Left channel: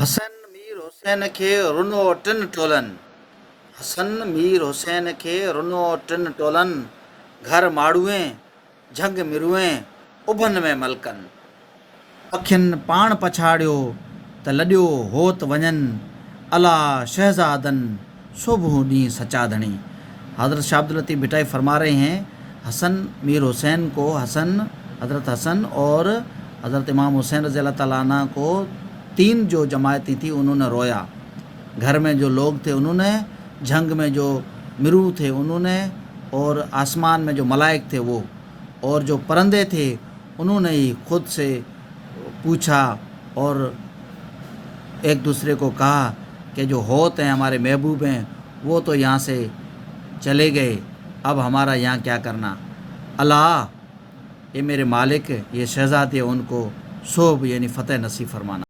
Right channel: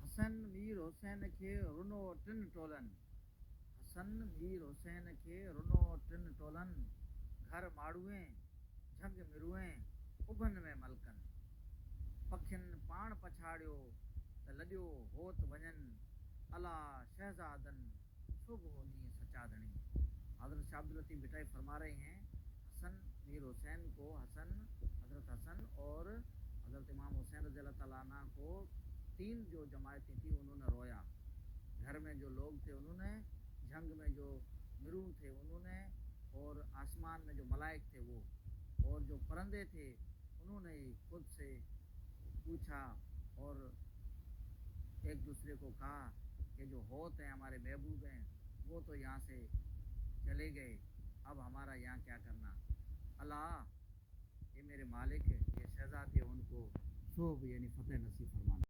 हसन मीर हुसैन खे रुनो टिन टोलनि। हसन मीर हुसैन खे रुनो टिन टोलनि। घर माड़ूए झंग मिरुए उभनि में मलकनि। अखियुनि पाण पछाड़ियो त लॾियो होत वञनि। अला शहजादनि सुबह ॾींहुं सचाधणी। हज़रत शाह अब्दुल लतीफ़ भिटाई फरमा रहे हैं, हसन मीर हुसैन को हज़रत हसन और हज़रत इमाम हुसैन रज़ी अल्लाह ताला अन्हु को तीन जो जमायती थी उन्होंने रोया। घर में जो लोग थे उन्होंने, जंग में जो मिरू थे उन्होंने, और आसमान में जो मलाइक थे वो, और जो परंदे थे उन्होंने ही खुद से पूछा और एक दूसरे को कहा कि जो होत हैं हमारे महबूब हैं वो तो यहाँ से चले गए, अब हमारा यहाँ क्या करना। अल्लाह ये मेरे मालिक, ये शहजादे उनको सोब यानी फ़तेह नसीब फरमाना।